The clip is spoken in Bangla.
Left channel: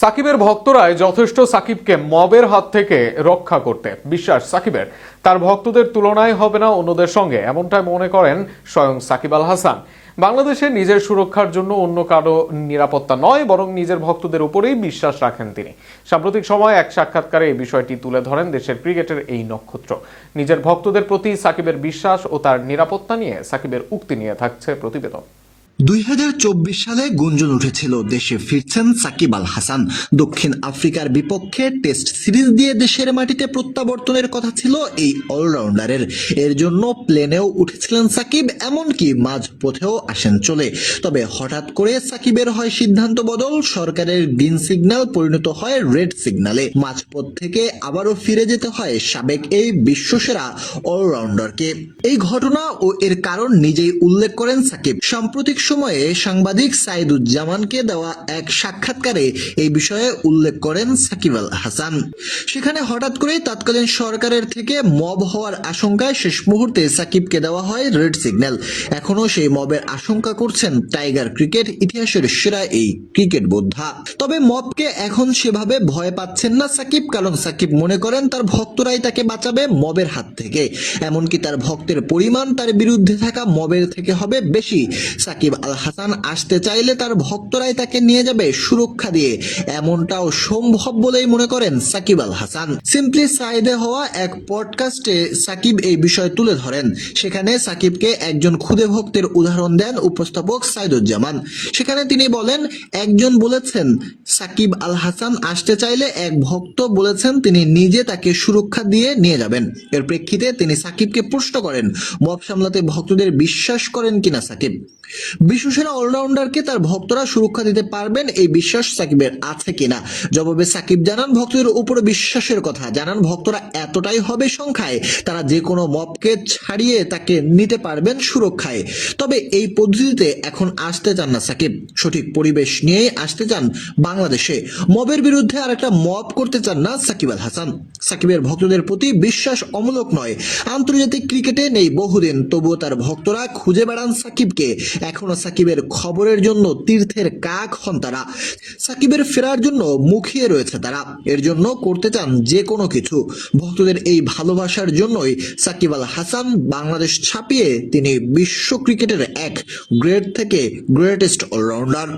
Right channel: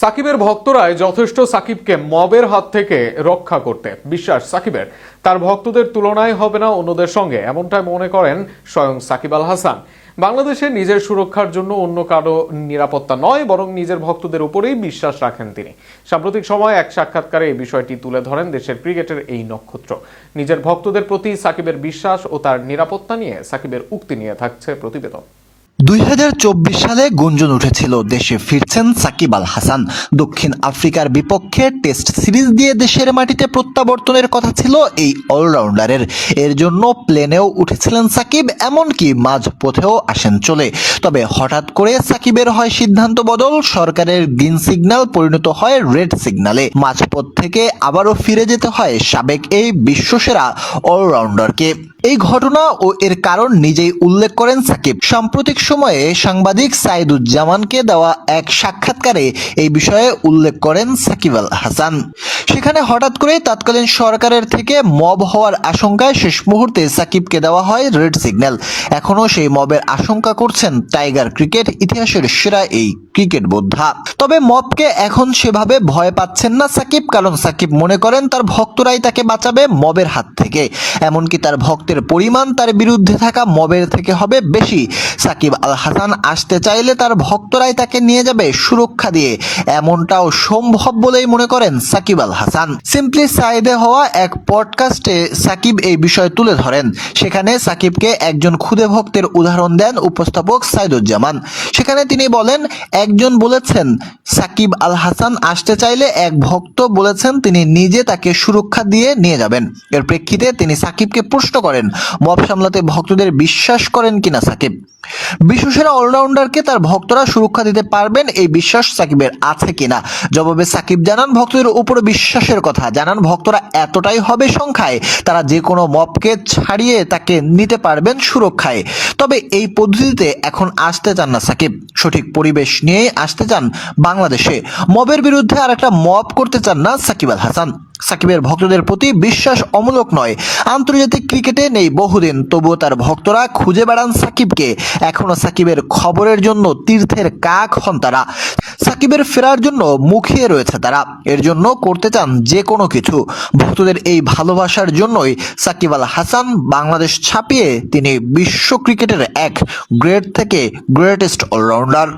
সাকিবের ভক্তরাই যথেষ্ট সাকিবকে মবের হাত থেকে রক্ষা করতে। বিশ্বাস সাকিবের তার ভক্তদের তুলনায় হবে না অন্যদের সঙ্গে, এমনটাই মনে করেন স্বয়ং সাকিব আল হাসান। বাংলাদেশে নিজের সুরক্ষার জন্য অন্য কারো নিরাপত্তা নয়, বরং নিজের ভক্তদের উপরেই বিশ্বাস রাখেন তিনি। সাম্প্রতিক সময়ে এক সাক্ষাৎকারে এই বিষয়টি তুলে ধরেন দেশের ক্রিকেটের এই নক্ষত্র। নিজের ভক্তদের প্রতি সাকিবের বিশ্বাস ও তার নিরাপত্তা নিয়ে সাকিবের উক্তি নিয়ে থাকছে প্রতিবেদন। 2024 সালে গুঞ্জন উঠেছিল দেশে ফিরছেন সাকিব আল হাসান। দক্ষিণ আফ্রিকার বিপক্ষে টেস্ট সিরিজ দিয়ে দেশের মাটিতে প্রত্যাবর্তনের কথা ছিল এই অলরাউন্ডারের। এর জন্য প্লেনেও উঠেছিলেন সাকিব, এমনকি মাঝপথেও আসেন চলে। তবে হঠাৎ করে সাকিবের হয় সিদ্ধান্ত বদল, সরকারের গ্রিন সিগন্যাল পরিণত হয় রেড সিগন্যালে। মাঝপথ থেকে আবারও ফিরে যেতে হয় সাবেক এই বিশ্বসেরা অলরাউন্ডারকে। এই ঘটনা ও এর কারণ নিজেই উল্লেখ করেন সাকিব। সাম্প্রতিক সময়ে সাংবাদিক সাইদুজ্জামানকে দেওয়া এক সাক্ষাৎকারে এই বিষয়ে উল্লেখ করেন সাকিব আল হাসান। সেখানে হঠাৎ করে তৎকালীন সরকারের থেকে মব হওয়ার আশঙ্কায় শেষ মুহূর্তে সাকিবকে দেওয়া হয় রেড সিগন্যাল। এখনো সেই মবের আশঙ্কা করছেন টাইগার ক্রিকেট ইতিহাসের সেরা এই ক্রিকেট বোদ্ধা। তবে মবকে এখন সেভাবে ভয় পাচ্ছেন না সাকিব, কারণ সাকিব মনে করেন তার ভক্তরাই তাকে বাঁচাবে মবের হাত থেকে। এমনকি তার ভক্তের পরিমাণ তার বিরুদ্ধে থাকা মবের থেকে হবে বেশি। সাকিব আল হাসান আসতে চাইলে তার ভক্তরাই তাকে নিয়ে যাবে সুরক্ষা দিয়ে, এমনটাও সম্ভব বলেই মনে করেন সাকিব আল হাসান। সিম্পলি সাইদে হওয়া এক পডকাস্টে সাকিব এই বিষয় তুলে ধরেন। সেখানে সাকিবকে একজন খুদে ভক্তের উদাহরণ দেন উপস্থাপক সাইদুজ্জামান। সেখানে তিনি বলেন, একজন বলেছেন সাকিব আল হাসান আসতে চাইলে এক ভক্ত বলেছেন তিনি নিজে তাকে সুরক্ষা দিয়ে নিয়ে যাবেন। এর প্রেক্ষিতে তিনি সাকিবকে প্রশ্ন করেন, মব সামলাতে ভক্তদের বিশ্বাস করেন কিনা সাকিব। বিশ্বসেরা অলরাউন্ডারকে তার ভক্তরা সুরক্ষা দিতে পারবেন, এই বিশ্বাস সাকিবের আছে কিনা। জবাবে সাকিব জানান ভক্তদের উপর বিশ্বাসের কথা। জানান ভক্তরা এতটাই হবে সংখ্যায় তারা যে কোনো মবকে ছাড়িয়ে তাকে নিতে পারবেন সুরক্ষায়। তবে এই পদ্ধতিতে এখন আসতে চান না সাকিব, সঠিক পরিবেশ নিয়ে আসতে চান বাংলাদেশে। মবের বিরুদ্ধে আর একটা মব করতে চান না সাকিব আল হাসান। সাকিবের ভক্তদের প্রতি বিশ্বাস অমূলক নয়। আন্তর্জাতিক ক্রিকেটে নেই বহুদিন, তবুও তার ভক্তরা খুঁজে বেড়ান সাকিবকে। এখনো সাকিবের খবরের জন্য তীর্থের কাক হন তারা। সাকিবের ফেরার জন্য মুখিয়ে রয়েছে তারা। এর জন্য করতে চান যে কোনো কিছু। ভক্তদের এই ভালোবাসার জন্যই সাকিব আল হাসান বাংলাদেশ ছাপিয়ে তিনি বিশ্ব ক্রিকেটের এক গ্রেট থেকে গ্রেটেস্ট অলরাউন্ডার।